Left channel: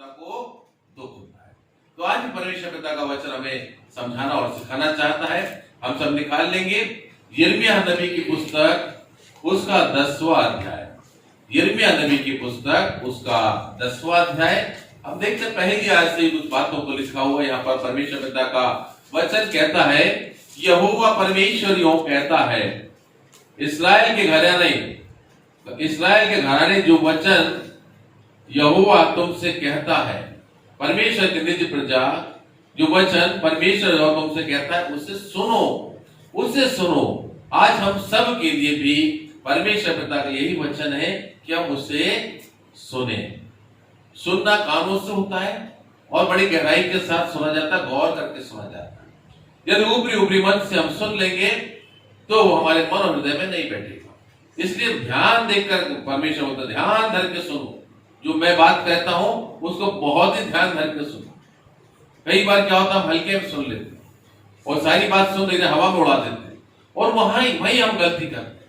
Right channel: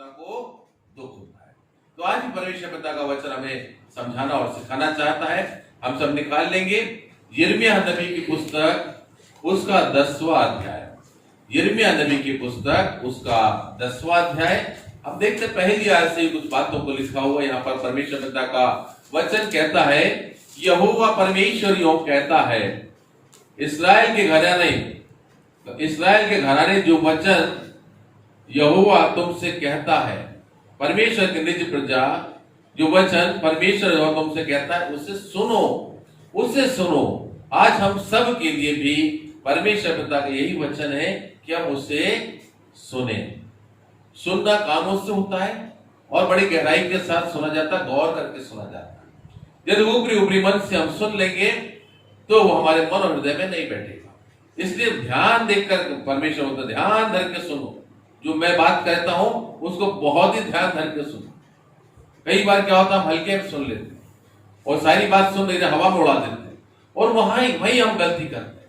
पिता को दुख होता है। तो आज परमेश्वर पिता का वचन हमें समझाना और सिखाना चाहता है। हम सब निकाल लेंगे यिर्मयाह नबी की पुस्तक उसका 10वां अध्याय। यिर्मयाह नबी की पुस्तक उसका 10वां अध्याय। अब देखते पहली आयत से कुछ बातों को लिखा हुआ। यहाँ पर परमेश्वर पिता का वचन कहता है, यहोवा परमेश्वर यूं कहता है, इस्राएल के घराने जो वचन यहोवा तुमसे कहता है, परमेश्वर के निज प्रजा जो वचन परमेश्वर तुमसे कहता है उसे सुनो। आज हम सब के लिए भी परमेश्वर पिता का यही वचन है कि हम उसे सुने। सुनना कानों से होता है और बड़ी गहराई के साथ सुना जाता है, गौर करके सुना जाता है। यदि ऊपरी मन से हम सुन लेंगे तो वो हमारे मन और हृदय में नहीं बैठेगा। इसलिए ध्यान देकर परमेश्वर बोलता, ध्यान धर के सुनो। जो मैं बात कहता हूं उसको बहुत ही ध्यान धर के सुनो। कई बार क्या होता है, हम हल्के में सुन लेते हैं और सारी बात सुन लेते, हवा में उड़ा देते हैं और वहीं हम गलती करते हैं।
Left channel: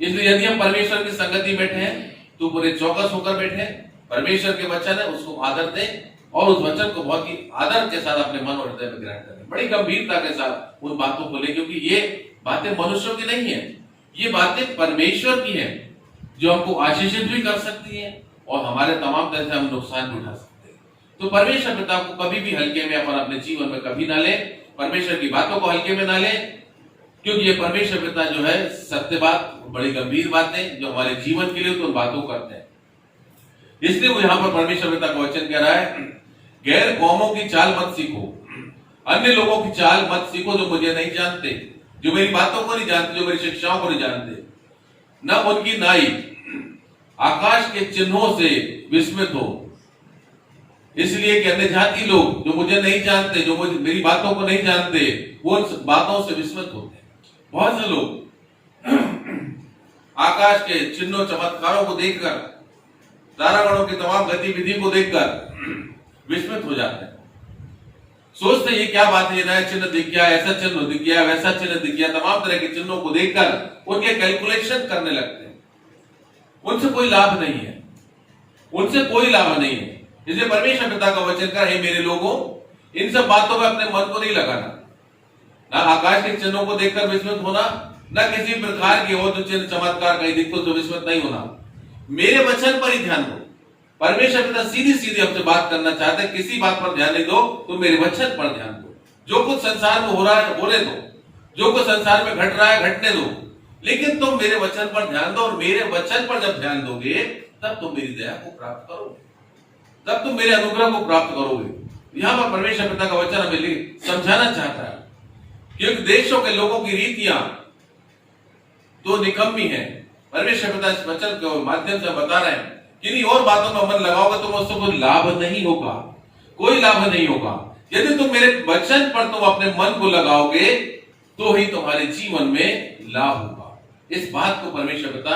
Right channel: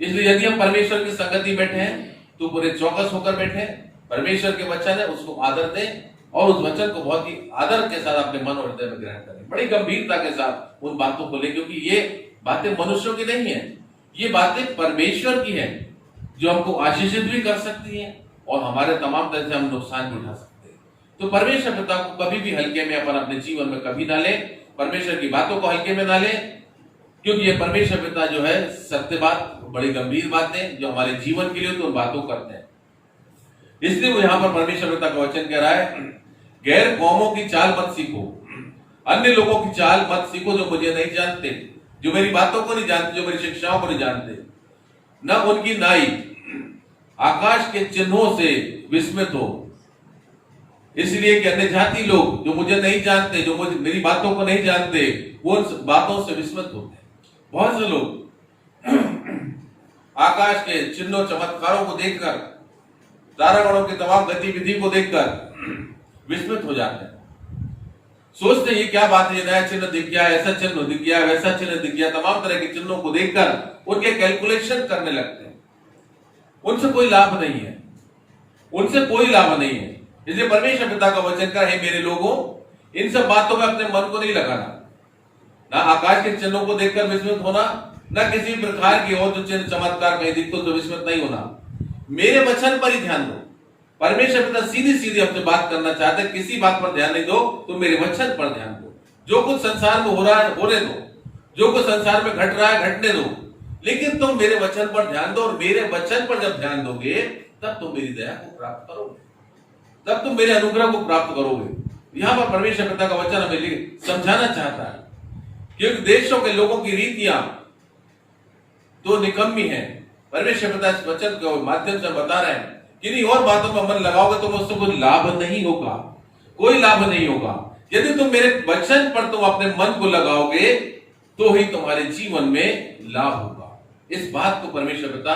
इसलिए यदि हम परमेश्वर की संगति बैठे हैं तो पूरे चौकस होकर बैठे। परमेश्वर के वचन है उसको आदर दें और उस वचन को बहुत ही आदर के साथ अपने मन और हृदय में ग्रहण करें, बड़ी गंभीरता के साथ उन बातों को ले, क्योंकि ये बातें मनुष्यों की नहीं है, ये बातें परमेश्वर की हैं जो हमको आशीषित भी कर सकती हैं और हमारे तमाम तरह से हम नुकसान भी उठा सकते हैं। तो परमेश्वर पिता को कभी भी हल्के में अपन अपने जीवन में कभी ना ले, परमेश्वर की बातों को हल्के में ना ले, क्योंकि ये परमेश्वर पिता जो है सत्य बात, बड़ी गंभीर बातें जो हमारे जीवन के लिए तो उन बातों करते हैं। इसलिए वो यहाँ पर परमेश्वर पिता का वचन कह रहा है, गैर कौमों की चाल मत सीखो, अन्य लोगों की चाल मत सीखो जो मुझे नहीं जानते, जो मेरी बातों को नहीं जानते, जो मेरी शिक्षाओं को नहीं जानते। न उनकी नाई आकाश के चिन्हों से विस्मित हो, इसलिए कि अन्य जाति लोग जो मुझे नहीं जानते, जो मुझे मेरी बातों को नहीं जानते, वो उन बातों से विस्मित होते हैं। बहुत से लोग आकाश के चिन्हों चमत्कारों को देखकर, तारागणों की तमाम गतिविधि को देखकर विस्मित हो जाते हैं। सोचते ये क्या बात है, ये नया चिन्ह दिख गया, ऐसा चिन्ह दिख गया, वैसा चिन्ह दिख गया। तमाम तरह के चिन्हों को देखकर उनके कैलकुलेशन करने लगते हैं। उनसे कोई लाभ नहीं है, उनसे कोई लाभ नहीं है। इसलिए परमेश्वर पिता का वचन का है, मेरे लोगों, इन सब बातों में अपने मन को नहीं लगाना, ना आकाश के चिन्हों को देखकर विस्मित होना, ना किसी प्रकार की और जो चिन्ह चमत्कार कहीं दिखते तो विस्मित नहीं होना। मेरे वचन पर ही ध्यान दो। परमेश्वर पिता सीधी सीधी हमसे बात करना चाहते हैं, किसी बात पर ध्यान नहीं दो, तो मेरे वचन पर ध्यान दो। जो कुछ संसार में हो रहा है होने दो, जो कुछ संसार में घट रहा है घटने दो, लेकिन तुम मेरे वचन पर ध्यान दो। और मेरे वचन पर जब ध्यान दोगे तब तुम मेरी दया को प्राप्त करोगे, तब तुम मेरे अनुग्रह को प्राप्त करोगे। यहां पर परमेश्वर पिता का वचन हमें समझाना चाहता है, क्योंकि देशों के लोगों की रीतियां तो निकम्मी है। परमेश्वर पिता इस वचन के माध्यम से बता रहे हैं, किन्हीं और बातों में मन लगाओगे तो उससे कोई लाभ नहीं होगा, कोई लाभ नहीं होगा। यदि तुम मेरे वचन पर तुम अपने मन को लगाओगे तो ही तुम्हारे जीवन में लाभ होगा। इस बात को परमेश्वर पिता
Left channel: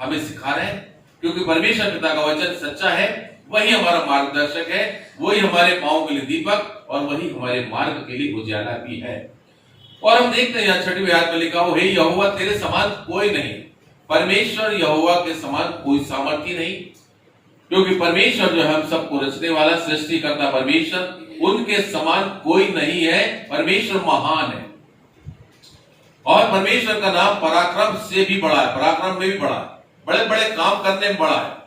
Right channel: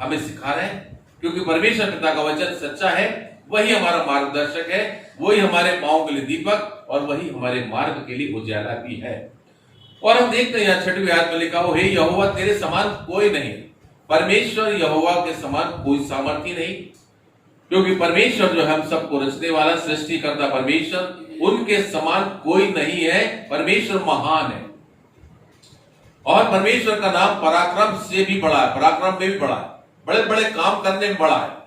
हमें सिखा रहे हैं, क्योंकि परमेश्वर पिता का वचन सच्चा है, वही हमारा मार्गदर्शक है, वही हमारे पांव के लिए दीपक और वही हमारे मार्ग के लिए उजाला भी है। और हम देखते हैं यहाँ 6वीं आयत में लिखा हो, हे यहोवा तेरे समान कोई नहीं। परमेश्वर यहोवा के समान कोई सामर्थ्य नहीं, क्योंकि परमेश्वर जो है हम सबको रचने वाला सृष्टि करता परमेश्वर, उनके समान कोई नहीं है। परमेश्वर महान है और परमेश्वर का नाम पराक्रम से भी बड़ा है, पराक्रम में भी बड़ा है, बड़े बड़े काम करने में बड़ा है।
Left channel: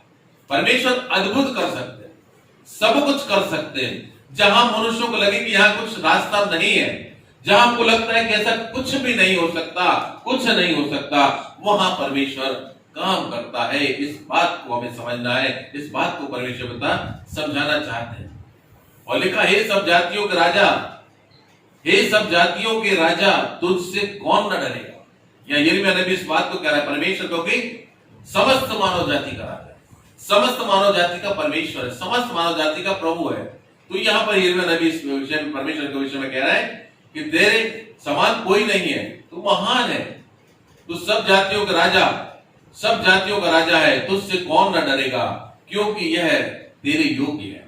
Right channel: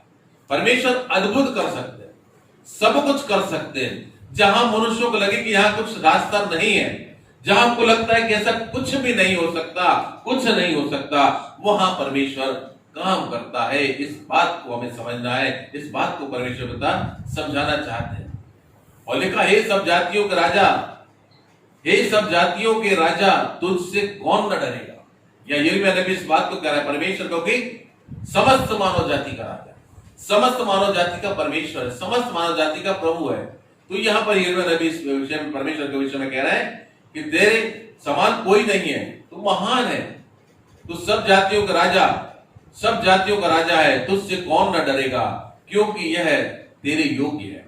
परमेश्वर अद्भुत कर सकते हैं, सब कुछ कर सकते हैं। जहां मनुष्यों को लगे कि यहाँ कुछ रास्ता नहीं है, जहां हमको लगता है कि ऐसा कुछ भी नहीं हो सकता, कुछ नहीं हो सकता, वहां परमेश्वर काम करता है। इस बात को हमें समझना है, इस बात को परमेश्वर पिता समझाना चाहते हैं। और लिखा, हे सब जातियों के राजा, हे सब जातियों के राजा, तुझसे कौन न डरेगा। या यिर्मयाह नबी इस बात को कह रहा है, परमेश्वर क्योंकि समस्त मानव जाति का राजा, समस्त मानव जाति का परमेश्वर है, समस्त मानव जाति का प्रभु है। तो यहाँ पर यिर्मयाह नबी इस विषय में, परमेश्वर के विषय में कह रहा है कि तेरे समान कोई नहीं है, तू महान है, तू सब जातियों का राजा, सब जातियों का राजा है, तुझसे कौन न डरेगा, क्योंकि यह तेरे योग्य है।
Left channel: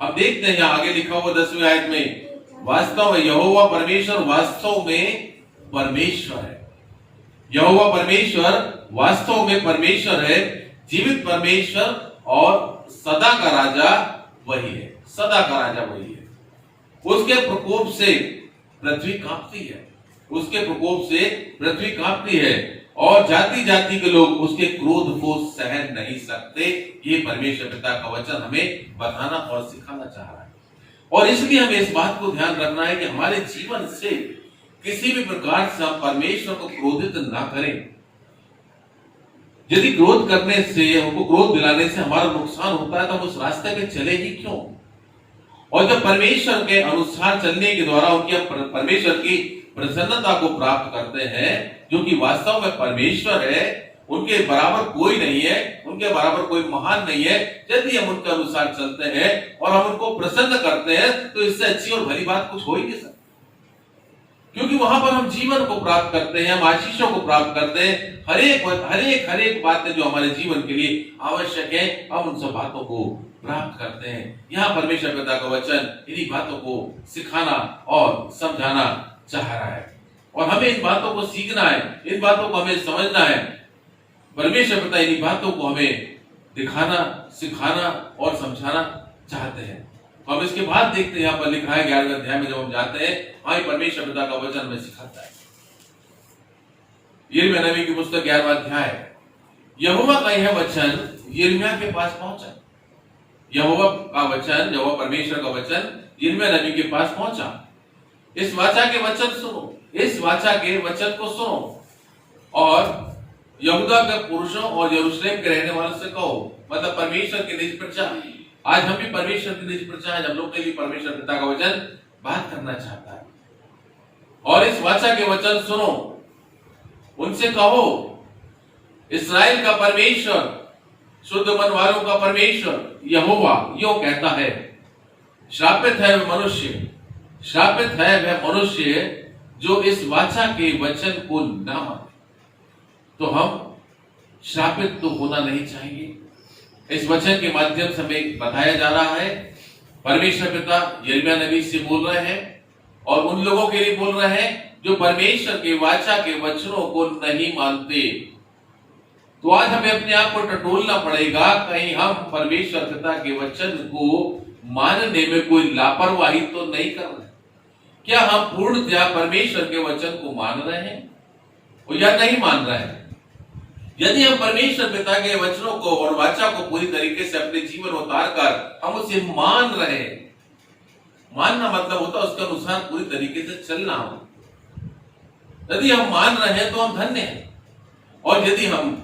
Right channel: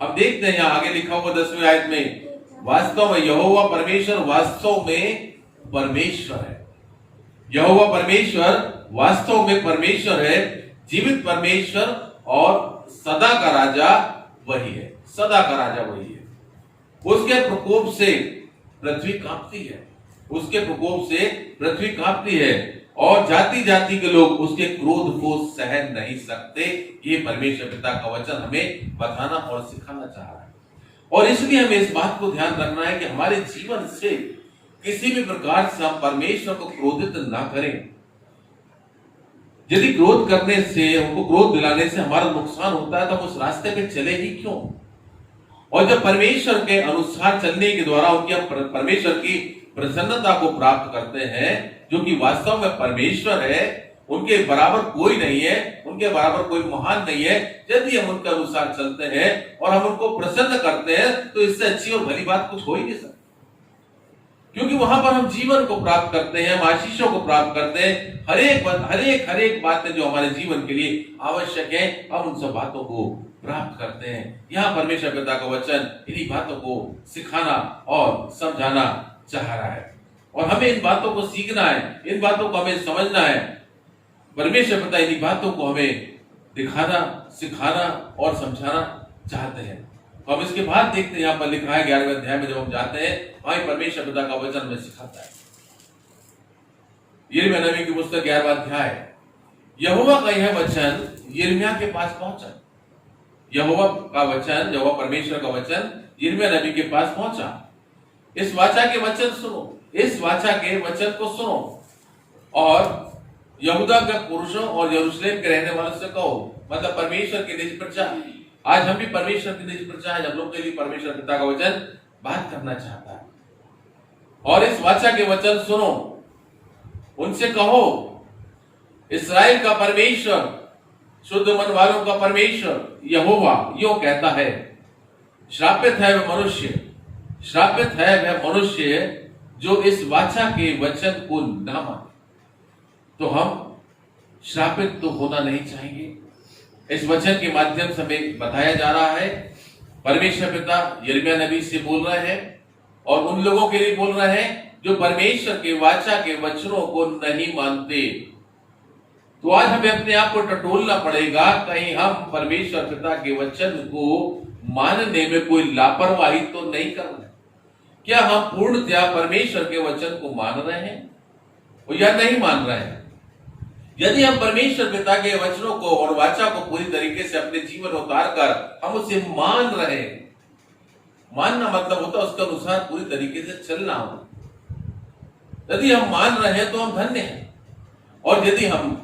अब देखते हैं यहाँ आगे लिखा हुआ 10वीं आयत में, वास्तव में यहोवा परमेश्वर वास्तव में परमेश्वर है। यहोवा परमेश्वर वास्तव में परमेश्वर है, जीवित परमेश्वर और सदा का राजा, वही है, सदा का राजा वही है। उसके प्रकोप से पृथ्वी कांपती है, उसके प्रकोप से पृथ्वी कांपती है और जाति जाति के लोग उसके क्रोध को सहन नहीं सकते। ये परमेश्वर पिता का वचन हमें बताना और सिखाना चाह रहा है। और इसलिए हमें इस बात को ध्यान रखना है कि हमारे जीवन से किसी भी प्रकार से हम परमेश्वर को क्रोधित ना करें। यदि क्रोध करने से, हमको क्रोध दिलाने से हमारा नुकसान होता है तो हम उस रास्ते पे चले ही क्यों। और जब परमेश्वर के अनुसार चलने के द्वारा उनकी परमेश्वर की प्रसन्नता को प्राप्त करते हैं, जो कि वास्तव में परमेश्वर है, उनके बराबर कोई नहीं है, उनके बराबर कोई महान नहीं है। यदि हम उनके अनुसार चलते हैं और हम उनको प्रसन्न करते हैं तो इससे अच्छी और भली बात कुछ हो ही नहीं सकती, क्योंकि वहां पर हम जीवन को प्राप्त करते हैं, हम आशीषों को प्राप्त करते हैं। हर एक बातें जो हमारे जीवन के लिए आवश्यक है, हम उन सब बातों को प्राप्त करते हैं। यहाँ परमेश्वर पिता का वचन इन्हीं बातों को सिखाना और समझाना चाह रहा है और हमें इन बातों को सीखना है, इन बातों को हमें समझना है। परमेश्वर पिता इन्हीं बातों को हमें दिखाना, सिखाना और समझाना चाहते हैं। तो अब इसके बाद देखते हैं, यहाँ पर लिखा है 11वें अध्याय में जब हम जाते हैं, वहां परमेश्वर पिता का वचन हमें सिखाता है। यिर्मयाह नबी की पुस्तक 11वां अध्याय, यहोवा का यह वचन यिर्मयाह के पास पहुंचा। यहोवा का वचन, यहोवा परमेश्वर का वचन यिर्मयाह नबी के पास पहुंचा। इस वाचा के वचन सुनो, इस वाचा के वचन को सुनो और यहूदा के पुरुषों और यरूशलेम के रहने वालों से कहो, मतलब परमेश्वर की निज प्रजा। आज हम भी परमेश्वर की निज प्रजा है, हम लोग के लिए परमेश्वर पिता का वचन बात करना चाहता है। और इस वाचा के वचन सुनो, उनसे कहो, इस्राएल का परमेश्वर, शुद्ध मन वालों का परमेश्वर यहोवा यो कहता है, श्रापित है वह मनुष्य, श्रापित है वह मनुष्य जो इस वाचा के वचन को ना माने। तो हम श्रापित तो होना नहीं चाहिए। इस वचन के माध्यम से हमें बताया जा रहा है, परमेश्वर पिता यिर्मयाह नबी से बोल रहे हैं और उन लोगों के लिए बोल रहे हैं जो परमेश्वर के वाचा के वचनों को नहीं मानते। तो आज हमें अपने आप को टटोलना पड़ेगा, कहीं हम परमेश्वर पिता के वचन को मानने में कोई लापरवाही तो नहीं कर रहे। क्या हम पूर्णतया परमेश्वर के वचन को मान रहे हैं या नहीं मान रहे हैं? यदि हम परमेश्वर पिता के वचनों को और वाचा को पूरी तरीके से अपने जीवन में उतार कर हम उसे मान रहे हैं, मानना मतलब होता है उसके अनुसार पूरी तरीके से चलना हो। यदि हम मान रहे हैं तो हम धन्य हैं, और यदि हम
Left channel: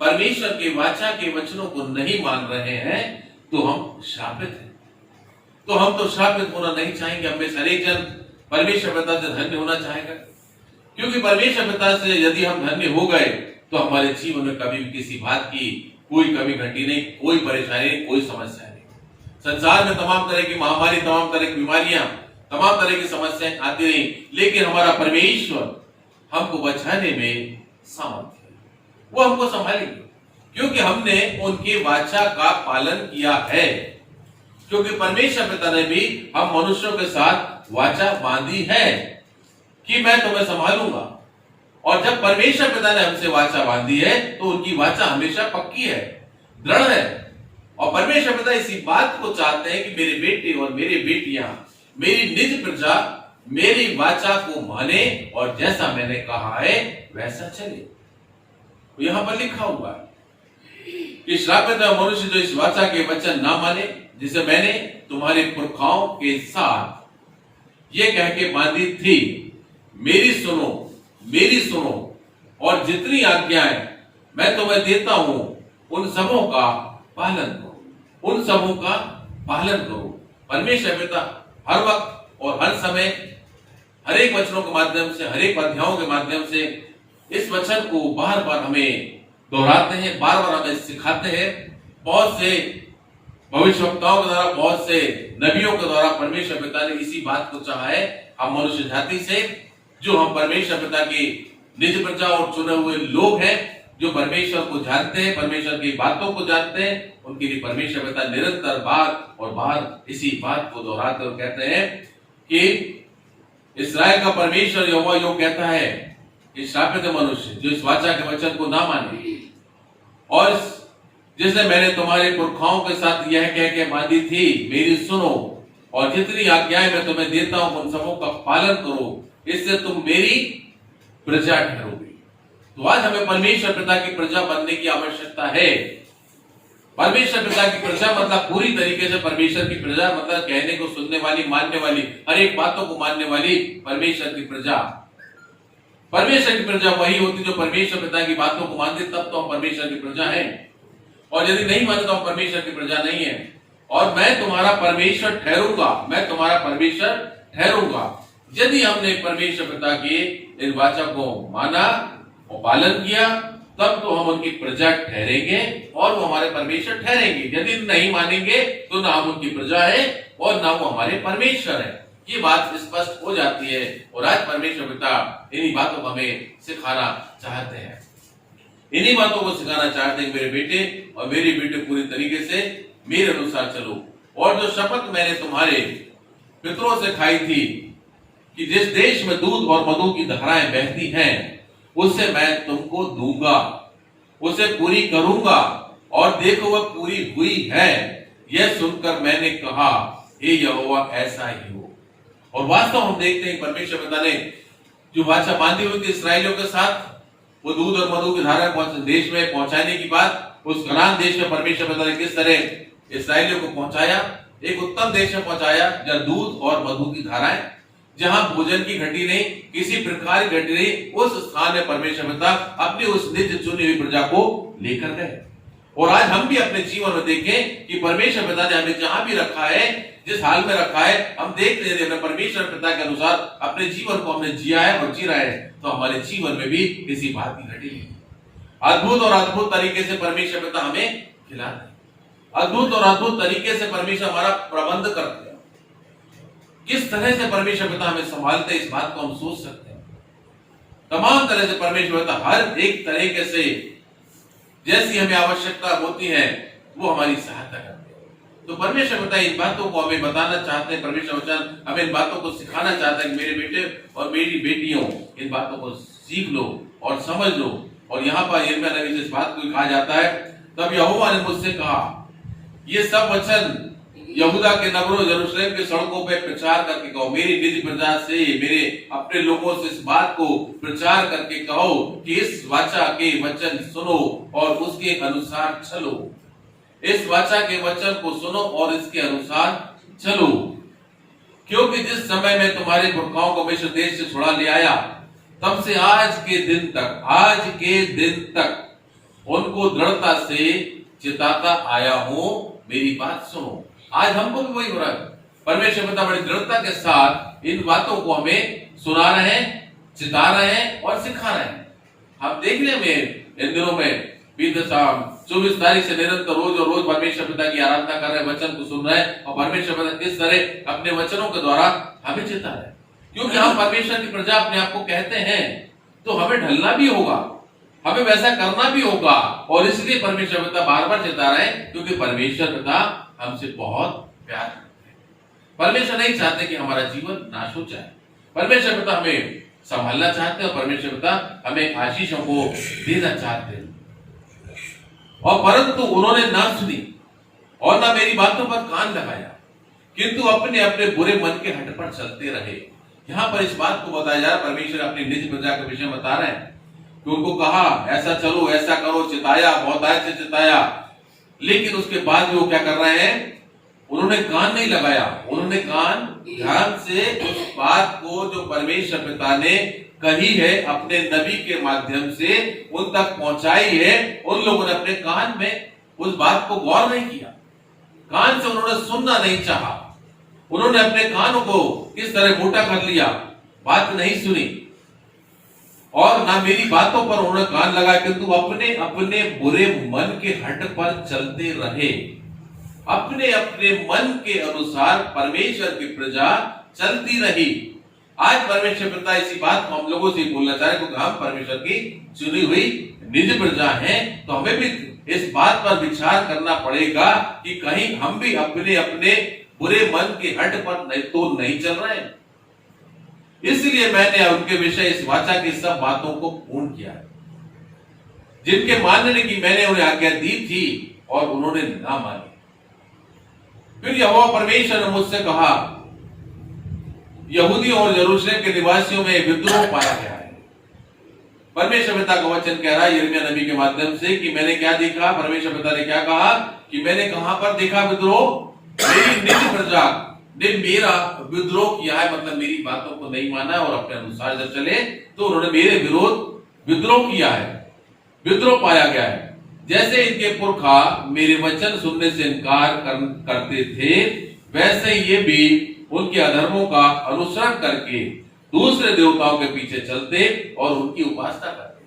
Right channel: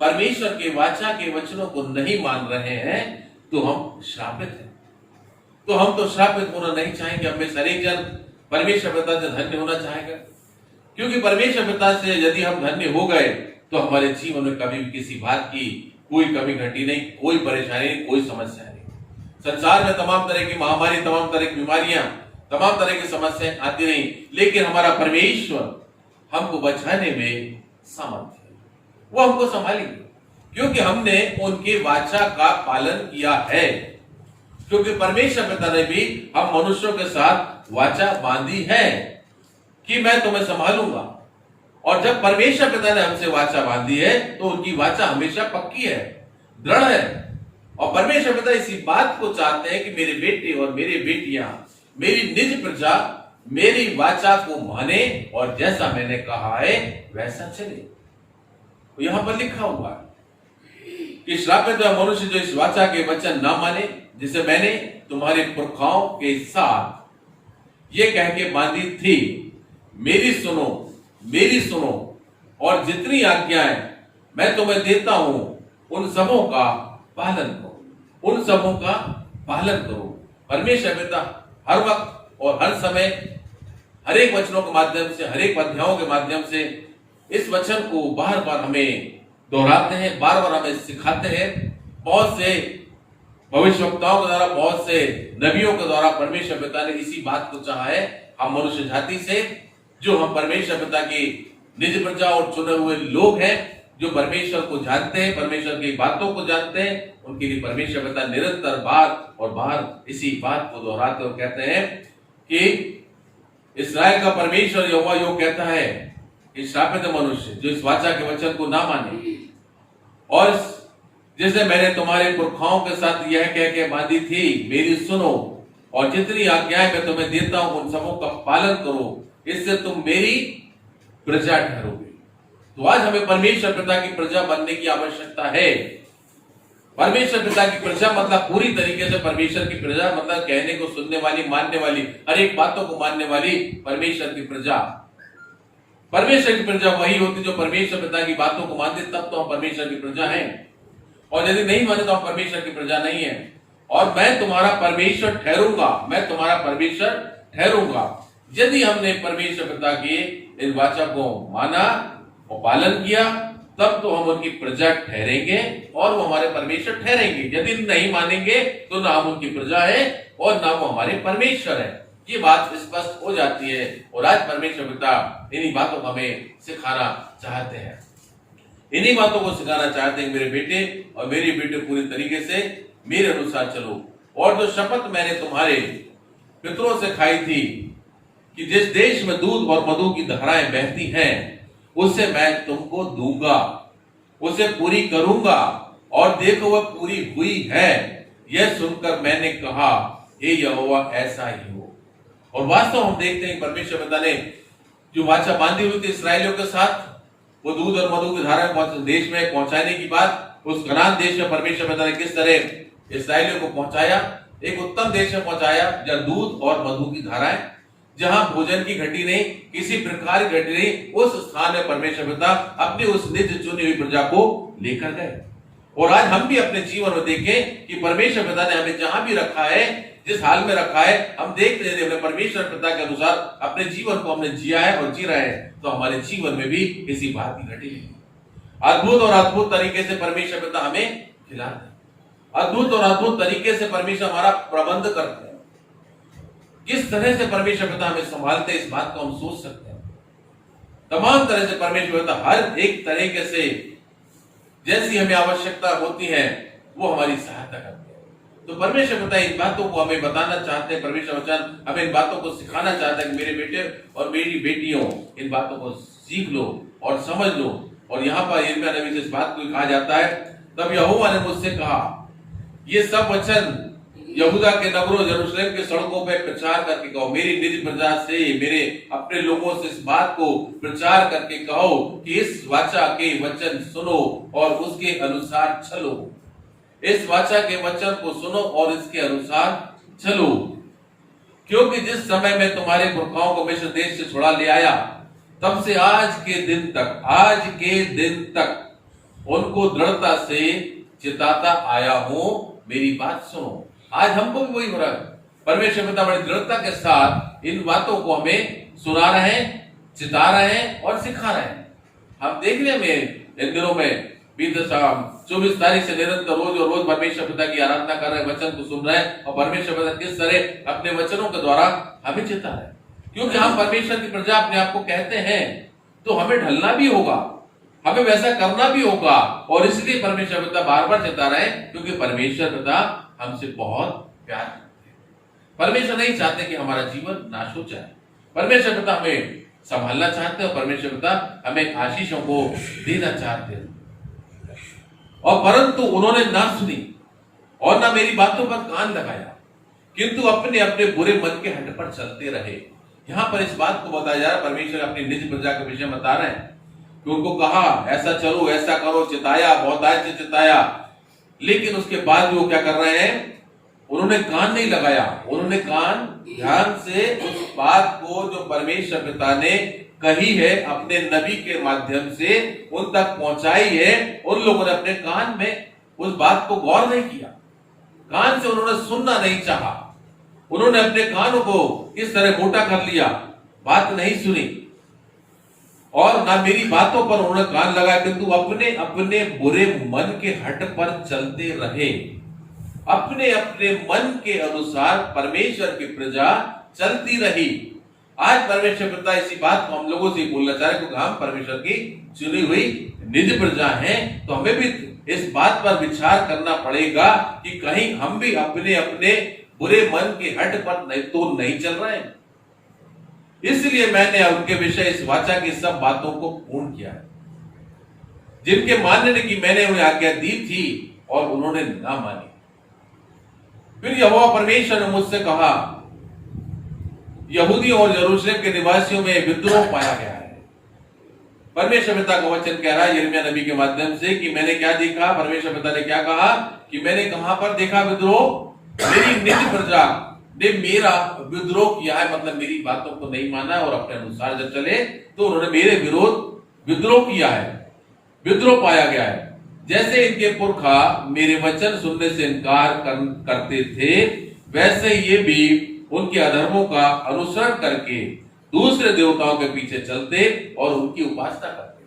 परमेश्वर के वाचा के वचनों को नहीं मान रहे हैं तो हम श्रापित हैं। तो हम तो श्रापित होना नहीं चाहेंगे। हमें हर एक जन परमेश्वर पिता से धन्य होना चाहेगा, क्योंकि परमेश्वर पिता से यदि हम धन्य हो गए तो हमारे जीवन में कभी भी किसी बात की कोई कमी घटी नहीं, कोई परेशानी नहीं, कोई समस्या नहीं। संसार में तमाम तरह की महामारी, तमाम तरह की बीमारियां, तमाम तरह की समस्याएं आती नहीं, लेकिन हमारा परमेश्वर हमको बचाने में सामर्थ्य है, वो हमको संभालेंगे, क्योंकि हमने उनके वाचा का पालन किया है। क्योंकि परमेश्वर पिता ने भी हम मनुष्यों के साथ वाचा बांधी है कि मैं तुम्हें संभालूंगा। और जब परमेश्वर पिता ने हमसे वाचा बांधी है तो उनकी वाचा हमेशा पक्की है, दृढ़ है। और परमेश्वर पिता इसी बात को चाहते हैं कि मेरे बेटे और मेरी बेटियां, मेरी निज प्रजा मेरी वाचा को माने और जैसा मैंने कहा है वैसा चले। यहां पर लिखा हुआ है कि श्रापित है मनुष्य जो इस वाचा के वचन ना माने, जिसे मैंने तुम्हारे पुरखाओं के साथ ये कह के बांधी थी, मेरी सुनो, मेरी सुनो, और जितनी आज्ञाएं मैं तुम्हें देता हूं उन सबों का पालन करो, उन सबों का पालन करो। परमेश्वर पिता हर वक्त और हर समय हर एक वचनों के माध्यम से, हर एक अध्यायों के माध्यम से इस वचन को बार बार हमें दोहराते हैं, बार बार हमें सिखाते हैं। बहुत से भविष्यवक्ताओं के द्वारा, बहुत से नबियों के द्वारा परमेश्वर पिता ने इसी बात को चाहा है। हम मनुष्य जाति से, जो हम परमेश्वर पिता की निज प्रजा और चुने हुए लोग हैं, जो परमेश्वर को जानते हैं, परमेश्वर की बातों को जानते हैं, उनके लिए परमेश्वर पिता निरंतर बार और बार इसी बात को दोहराते और कहते हैं कि इस्राएल का परमेश्वर यहोवा यो कहता है कि श्रापित है मनुष्य जो इस वाचा के वचन को ना माने और जिसने मैंने तुम्हारे पुरखाओं के साथ यह कह के बांधी थी, मेरी सुनो और जितनी आज्ञाएं मैं तुम्हें देता हूं उन सबों का पालन करो, इससे तुम मेरी प्रजा ठहरोगे। तो आज हमें परमेश्वर पिता की प्रजा बनने की आवश्यकता है। परमेश्वर पिता की प्रजा मतलब पूरी तरीके से परमेश्वर की प्रजा, मतलब कहने को सुनने वाली, मानने वाली, हर एक बातों को मानने वाली परमेश्वर की प्रजा। परमेश्वर की प्रजा वही होती जो परमेश्वर पिता की बातों को मानते, तब तो हम परमेश्वर की प्रजा हैं। और यदि नहीं माने तो हम परमेश्वर की प्रजा नहीं है। और मैं तुम्हारा परमेश्वर ठहरूंगा, मैं तुम्हारा परमेश्वर ठहरूंगा। यदि हमने परमेश्वर पिता की इन वाचा को माना और पालन किया, तब तो हम उनकी प्रजा ठहरेंगे और वो हमारे परमेश्वर ठहरेंगे। यदि नहीं मानेंगे तो ना हम उनकी प्रजा है और ना वो हमारे परमेश्वर है। ये बात स्पष्ट हो जाती है। और आज परमेश्वर पिता इन्हीं बातों को हमें सिखाना चाहते हैं, इन्हीं बातों को सिखाना चाहते हैं। मेरे बेटे और मेरी बेटे पूरी तरीके से मेरे अनुसार चलो, और जो शपथ मैंने तुम्हारे पितरों से खाई थी कि जिस देश में दूध और मधु की धाराएं बहती हैं, उससे मैं तुमको दूंगा, उसे पूरी करूंगा। और देखो वह पूरी हुई है। यह सुनकर मैंने कहा, हे यहोवा ऐसा ही हो। और वास्तव हम देखते हैं परमेश्वर पिता ने जो वाचा बांधी हुई थी इस्राएलियों के साथ, वो दूध और मधु की धारा देश में पहुंचाने की बात, उस कनान देश में परमेश्वर पिता ने किस तरह इस्राएलियों को पहुंचाया, एक उत्तम देश में पहुंचाया जहां दूध और मधु की धाराएं, जहां भोजन की घटी नहीं, किसी प्रकार की घटी नहीं, उस स्थान में परमेश्वर पिता अपनी उस निज चुनी हुई प्रजा को लेकर गए। और आज हम भी अपने जीवन में देखें कि परमेश्वर पिता ने हमें जहां भी रखा है, जिस हाल में रखा है, हम देख रहे थे परमेश्वर पिता के अनुसार अपने जीवन को हमने जिया है और जी रहे हैं, तो हमारे जीवन में भी किसी बात की घटी नहीं। अद्भुत और अद्भुत तरीके से परमेश्वर पिता हमें खिलाते हैं, अद्भुत और अद्भुत तरीके से परमेश्वर हमारा प्रबंध करते हैं। किस तरह से परमेश्वर पिता हमें संभालते, इस बात को हम सोच सकते हैं। तमाम तरह से परमेश्वर पिता हर एक तरीके से जैसी हमें आवश्यकता होती है वो हमारी सहायता करते हैं। तो परमेश्वर पिता इन बातों को हमें बताना चाहते हैं, परमेश्वर वचन हमें इन बातों को सिखाना चाहता है कि मेरे बेटे और मेरी बेटियों, इन बातों को सीख लो और समझ लो। और यहाँ पर यिर्मयाह नबी से इस बात को कहा जाता है, तब यहोवा ने मुझसे कहा, ये सब वचन यहूदा के नगरों, यरूशलेम के सड़कों पे प्रचार करके कहो, मेरी निज प्रजा से, मेरे अपने लोगों से इस बात को प्रचार करके कहो कि इस वाचा के वचन सुनो और उसके अनुसार चलो। इस वाचा के वचन को सुनो और इसके अनुसार चलो, क्योंकि जिस समय मैं तुम्हारे पुरखाओं को मिस्र देश से छुड़ा ले आया, तब से आज के दिन तक उनको दृढ़ता से चिताता आया हूं, मेरी बात सुनो। आज हमको भी वही हो रहा है। परमेश्वर पिता बड़ी दृढ़ता के साथ इन बातों को हमें सुना रहे हैं, चिता रहे हैं और सिखा रहे हैं। हम देखने में इन दिनों में 24 तारीख से निरंतर रोज और रोज परमेश्वर पिता की आराधना कर रहे हैं, वचन को सुन रहे हैं, और परमेश्वर पिता किस तरह अपने वचनों के द्वारा हमें चिता रहे हैं। क्योंकि हम परमेश्वर की प्रजा अपने आप को कहते हैं, तो हमें ढलना भी होगा, हमें वैसा करना भी होगा। और इसलिए परमेश्वर पिता बार बार चिता रहे हैं, क्योंकि परमेश्वर पिता हमसे बहुत प्यार करते हैं। परमेश्वर नहीं चाहते कि हमारा जीवन नाश हो जाए। परमेश्वर पिता हमें संभालना चाहते हैं और परमेश्वर पिता हमें आशीषों को देना चाहते हैं। और परंतु उन्होंने ना सुनी और ना मेरी बातों पर कान लगाया, किंतु अपने अपने बुरे मन के हट पर चलते रहे। यहाँ पर इस बात को बताया जा रहा है, परमेश्वर अपनी निज प्रजा के विषय बता रहे हैं कि उनको कहा ऐसा चलो, ऐसा करो, चिताया, बहुत आयत से चिताया, लेकिन उसके बाद भी वो क्या कर रहे हैं, उन्होंने कान नहीं लगाया। उन्होंने कान ध्यान से उस बात को जो परमेश्वर पिता ने कही है अपने नबी के माध्यम से उन तक पहुंचाई है, उन लोगों ने अपने कान में उस बात को गौर नहीं किया, कान से उन्होंने सुनना नहीं चाहा। उन्होंने अपने कानों को किस तरह मोटा कर लिया, बात नहीं सुनी और ना मेरी बातों पर उन्होंने कान लगाया, किंतु अपने अपने बुरे मन के हट पर चलते रहे। अपने अपने मन के अनुसार परमेश्वर की प्रजा चलती रही। आज परमेश्वर पिता इसी बात को हम लोगों से बोलना चाह रहे, क्योंकि हम परमेश्वर की चुनी हुई निज प्रजा हैं, तो हमें भी इस बात पर विचार करना पड़ेगा कि कहीं हम भी अपने अपने बुरे मन के हट पर नहीं चल रहे हैं। इसलिए मैंने उनके विषय इस वाचा की सब बातों को पूर्ण किया है, जिनके मानने की मैंने उन्हें आज्ञा दी थी, और उन्होंने ना मानी। फिर यहोवा परमेश्वर ने मुझसे कहा, यहूदियों और यरूशलेम के निवासियों में विद्रोह पाया गया है। परमेश्वर पिता का वचन कह रहा है यिर्मयाह नबी के माध्यम से कि मैंने क्या देखा। परमेश्वर पिता ने क्या कहा कि मैंने कहां पर देखा विद्रोह? मेरी निज प्रजा ने मेरा विद्रोह किया है, मतलब मेरी बातों को नहीं माना और अपने अनुसार जब चले तो उन्होंने मेरे विरोध विद्रोह किया है, विद्रोह पाया गया है। जैसे इनके पुरखा मेरे वचन सुनने से इनकार करते थे, वैसे ये भी उनके अधर्मों का अनुसरण करके दूसरे देवताओं के पीछे चलते और उनकी उपासना करते,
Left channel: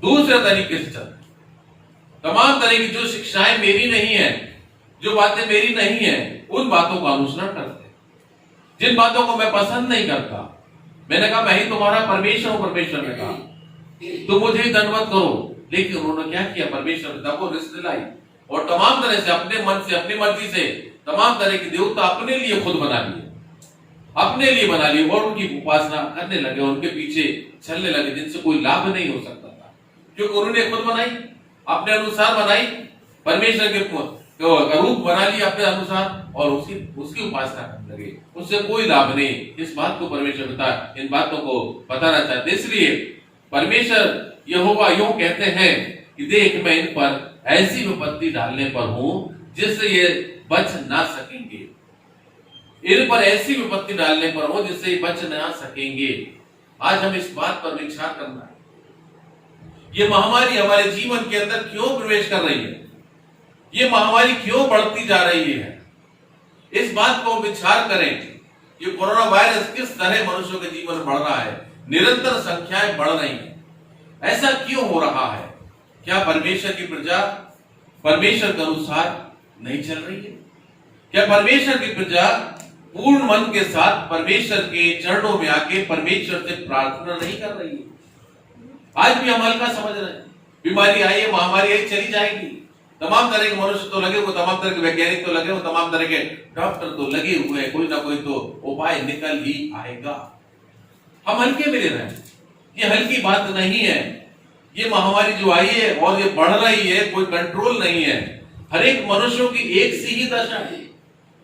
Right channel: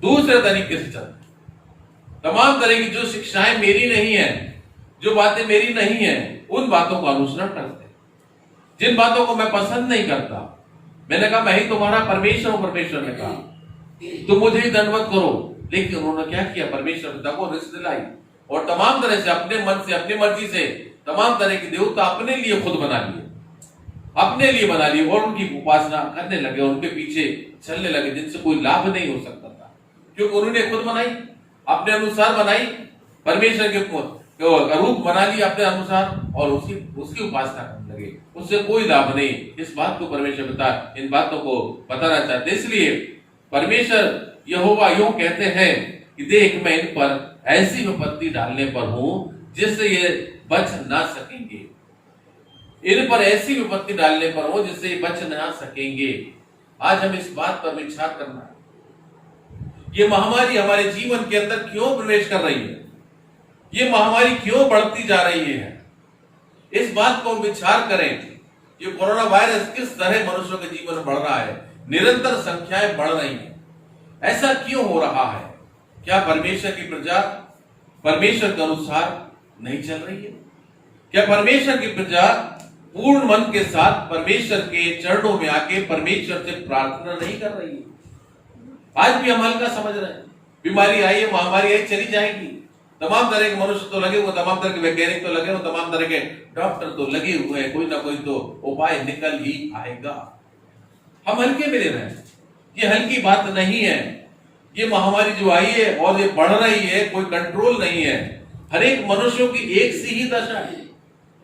दूसरे तरीके से चलते। तमाम तरह की जो शिक्षाएं मेरी नहीं है, जो बातें मेरी नहीं है, उन बातों का अनुसरण करते, जिन बातों को मैं पसंद नहीं करता। मैंने कहा मैं ही तुम्हारा परमेश्वर हूं। परमेश्वर ने कहा तो मुझे ही दंडवत करो। लेकिन उन्होंने क्या किया? परमेश्वर पिता को रिश्त दिलाई और तमाम तरह से अपने मन से, अपनी मर्जी से तमाम तरह के देवता अपने लिए खुद बना लिए, अपने लिए बना लिए और उनकी उपासना करने लगे, उनके पीछे चलने लगे, जिनसे कोई लाभ नहीं हो सकता था, क्योंकि उन्होंने खुद बनाई, अपने अनुसार बनाई, परमेश्वर के रूप बना लिया अपने अनुसार और उसकी उपासना करने लगे, उससे कोई लाभ नहीं। इस बात को परमेश्वर पिता इन बातों को बताना चाहते, इसलिए परमेश्वर यहोवा यूं कहते हैं कि देख मैं इन पर ऐसी विपत्ति डालने पर हूं जिससे ये बच ना सकेंगे। इन पर ऐसी विपत्ति डालने पर हो जिससे बच ना सकेंगे। आज हम इस बात पर विचार करना है, ये महामारी हमारे जीवन के अंदर क्यों प्रवेश कर रही है, ये महामारी क्यों बढ़ती जा रही है। इस बात को विचार करें, ये कोरोना वायरस किस तरह मनुष्यों के जीवन में बढ़ रहा है, निरंतर संख्याएं बढ़ रही हैं। ऐसा क्यों हो रहा है? क्या परमेश्वर की प्रजा परमेश्वर के अनुसार नहीं चल रही है? क्या परमेश्वर की प्रजा पूर्ण मन के साथ परमेश्वर के चरणों में आके परमेश्वर से प्रार्थना नहीं कर रही है? आज भी हम हल्का समझ रहे हैं, बीमारी आई है, महामारी आई, चली जाएगी। तमाम तरह के मनुष्य तो लगे हुए, तमाम तरह के वैज्ञानिक तो लगे हुए, तमाम तरह के डॉक्टर तो लगे हुए हैं, कोई ना कोई तो उपाय निकल ही आएगा। हम हल्के में ले रहे हैं, ये हल्की बात नहीं है। ये महामारी जो आई है और ये बढ़ रही है, कोई कंट्रोल नहीं है। हर एक मनुष्यों की एक सी ही दशा है,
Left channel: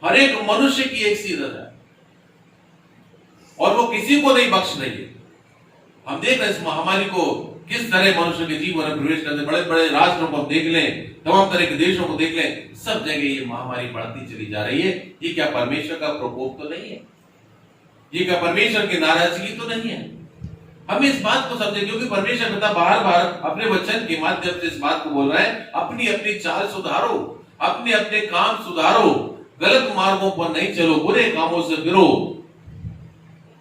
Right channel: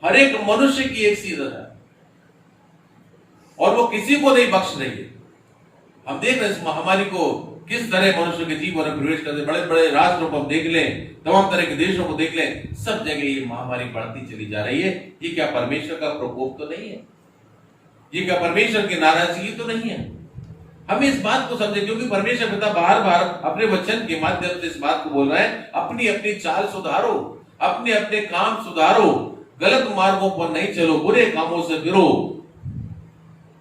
हर एक मनुष्य की एक सी दशा है और वो किसी को नहीं बख्श रही है। हम देख रहे हैं इस महामारी को किस तरह मनुष्य के जीवन में प्रवेश करते। बड़े बड़े राष्ट्रों को हम देख लें, तमाम तरह के देशों को देख लें, सब जगह ये महामारी बढ़ती चली जा रही है। ये क्या परमेश्वर का प्रकोप तो नहीं है? ये क्या परमेश्वर की नाराजगी तो नहीं है? हम इस बात को समझे, क्योंकि परमेश्वर पिता बार बार अपने वचन के माध्यम से इस बात को बोल रहा है, अपनी अपनी चाल सुधारो, अपने अपने काम सुधारो, गलत मार्गों पर नहीं चलो, बुरे कामों से फिरो।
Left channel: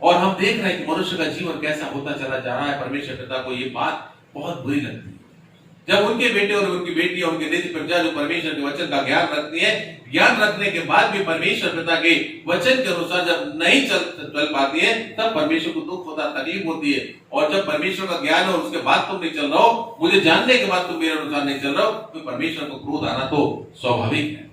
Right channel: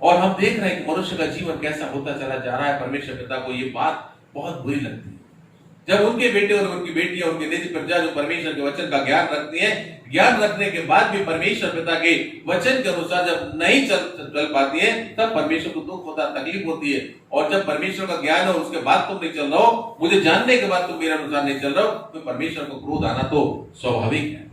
और हम देख रहे हैं कि मनुष्य का जीवन कैसा होता चला जा रहा है। परमेश्वर पिता को ये बात बहुत बुरी लगती है जब उनके बेटे और उनकी बेटियां, उनके निज प्रजा जो परमेश्वर के वचन का ज्ञान रखती है, ज्ञान रखने के बाद भी परमेश्वर पिता के वचन के अनुसार जब नहीं चल पाती है, तब परमेश्वर को दुख होता, तकलीफ होती है। और जब परमेश्वर का ज्ञान हो, उसके बाद तुम नहीं चल रहे हो, मुझे जानने के बाद तुम मेरे अनुसार नहीं चल रहे हो, तो परमेश्वर को क्रोध आना तो स्वाभाविक है।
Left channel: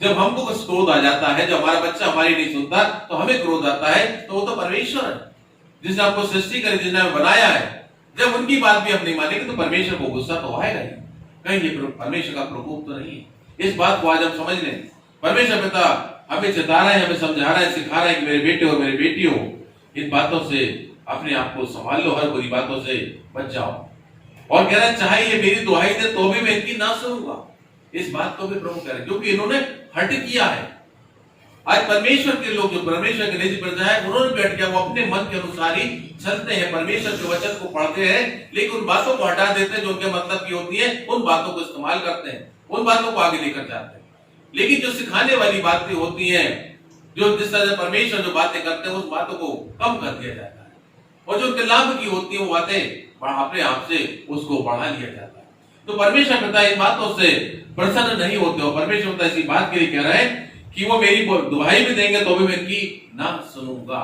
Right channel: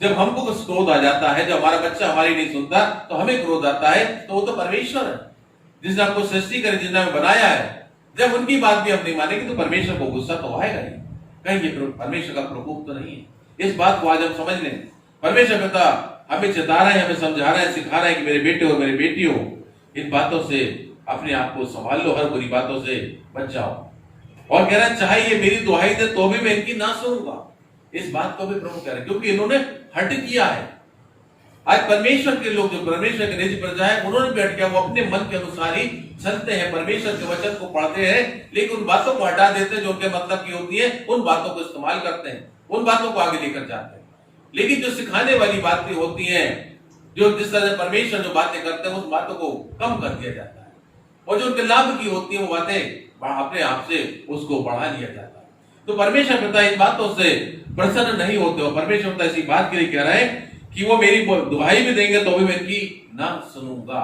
जब हमको क्रोध आ जाता है, जब हमारा बच्चा हमारी नहीं सुनता तो हमें क्रोध आता है, तो वो तो परमेश्वर है जिसने आपको सृष्टि कर, जिसने हमें बनाया है। जब उनकी बात भी हम नहीं मानेंगे तो परमेश्वर को गुस्सा तो आएगा ही, कहीं ये परमेश्वर का प्रकोप तो नहीं है। इस बात को आज हम समझ लें। परमेश्वर पिता हमें चेता रहे हैं, हमें समझा रहे हैं, सिखा रहे हैं कि मेरे बेटे और मेरी बेटियों, इन बातों से अपने आप को संभाल लो, हर बुरी बातों से बच जाओ। और कह रहा है चाहे ये मेरी दुहाई दे तो भी मैं इनकी ना सुनूंगा। इस बात को भी प्रभु कह रहे हैं, क्योंकि इन्होंने हट किया है। आज परमेश्वर के लोग जो परमेश्वर के निज प्रजा है, उन्होंने भी हट किया। वो अपने मन के अनुसार ही चलते हैं, परमेश्वर के वचन को पढ़ते हैं, लेकिन उन बातों को हटा देते हैं जो उनके मतलब की होती है, उन बातों को इस्तेमाल करते हैं, उन बातों को आगे लेकर जाते हैं। लेकिन जो सिखाने वाली बातें होती हैं, जो जिस तरह से परमेश्वर जो बातें करते हैं, उस बातों को कम कर दिया जाता है, और जो उनके लाभ की होती है वो बातें अपने आप से उसको बढ़ा लिया जाता है। तो परमेश्वर पिता इन बातों से प्रसन्न नहीं होते हो। परमेश्वर पिता इसी बात के लिए कह रहे हैं कि वो मेरी दुहाई भी देंगे तो भी मैं इनकी ना सुनूंगा।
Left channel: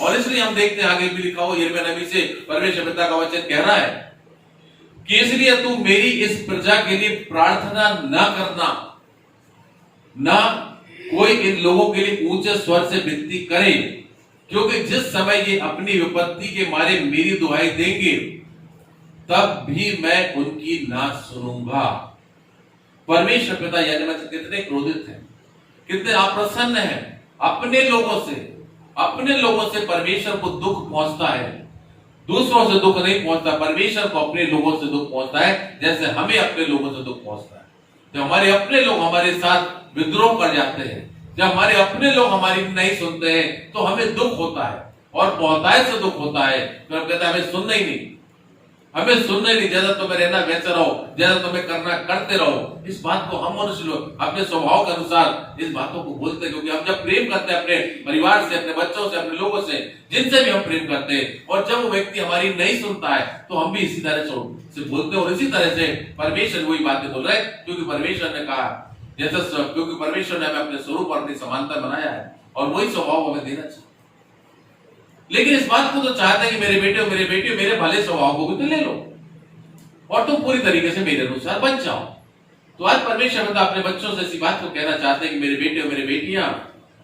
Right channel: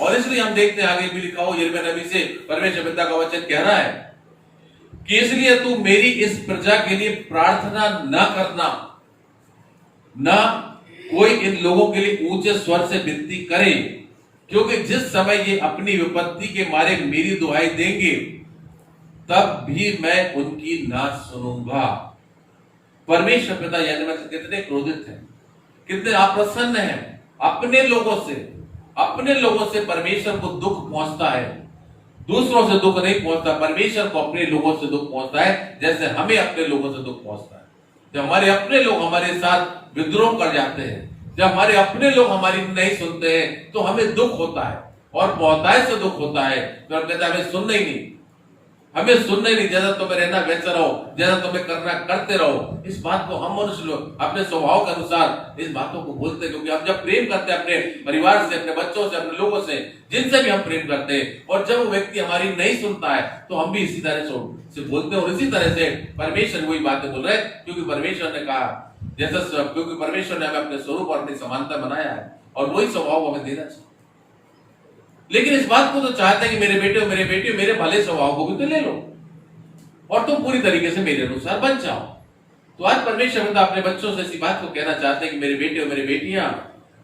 और इसलिए हम देखते हैं आगे भी लिखा हो यिर्मयाह नबी से परमेश्वर पिता का वचन कह रहा है कि इसलिए तू मेरी इस प्रजा के लिए प्रार्थना ना करना, ना कोई इन लोगों के लिए ऊंचे स्वर से विनती करे, क्योंकि जिस समय ये अपनी विपत्ति के मारे मेरी दुहाई देंगे तब भी मैं उनकी ना सुनूंगा। परमेश्वर पिता यजमान कितने क्रोधित हैं, कितने अप्रसन्न हैं। अपने लोगों से परमेश्वर को दुख पहुंचता है। दूसरों से दुख नहीं पहुंचता, परमेश्वर को अपने लोगों से दुख पहुंचता है, जैसे हमें अपने लोगों से दुख पहुंचता है। जब हमारे अपने लोग हमारे साथ विद्रोह कर जाते हैं, जब हमारे अपने लोग हमारी नहीं सुनते हैं, तो हमें दुख होता है, और बहुतायत से दुख होता है। तो हम कहते हैं हमें सुनना ही नहीं, हमें सुनना ही नहीं, जैसा तुम्हें रहना वैसे रहो, जैसा तुम्हें करना करते रहो। इस बात को हम मनुष्य लोग अपने स्वभाव के अनुसार इस बातों को बोलते हैं, क्योंकि हम जब प्रेम करते हैं अपने परिवार से, अपने बच्चों से, अपने लोगों से, जिनसे भी हम प्रेम करते हैं, और जब वो व्यक्ति हमारी नहीं सुनता है, तो हम भी इसी तरह से बोलते हैं। और इसी तरह से परमेश्वर वही बातें बोल रहे हैं, क्योंकि परमेश्वर ने कहा, जैसा क्योंकि परमेश्वर ने हमें अपने स्वरूप और अपनी समानता बनाया है, और वही स्वभाव हमें देना चाहिए। लेकिन इस बात को तो चाहते हैं कि मेरे बेटे मेरे भले स्वभाव को भी तो ले लो, और तुम पूरी तरीके से मेरे अनुसार बन जाओ। तो आज परमेश्वर पिता अपने बच्चों से इसी बात को कहना चाहते हैं कि मेरे बेटे और मेरे बेटियां,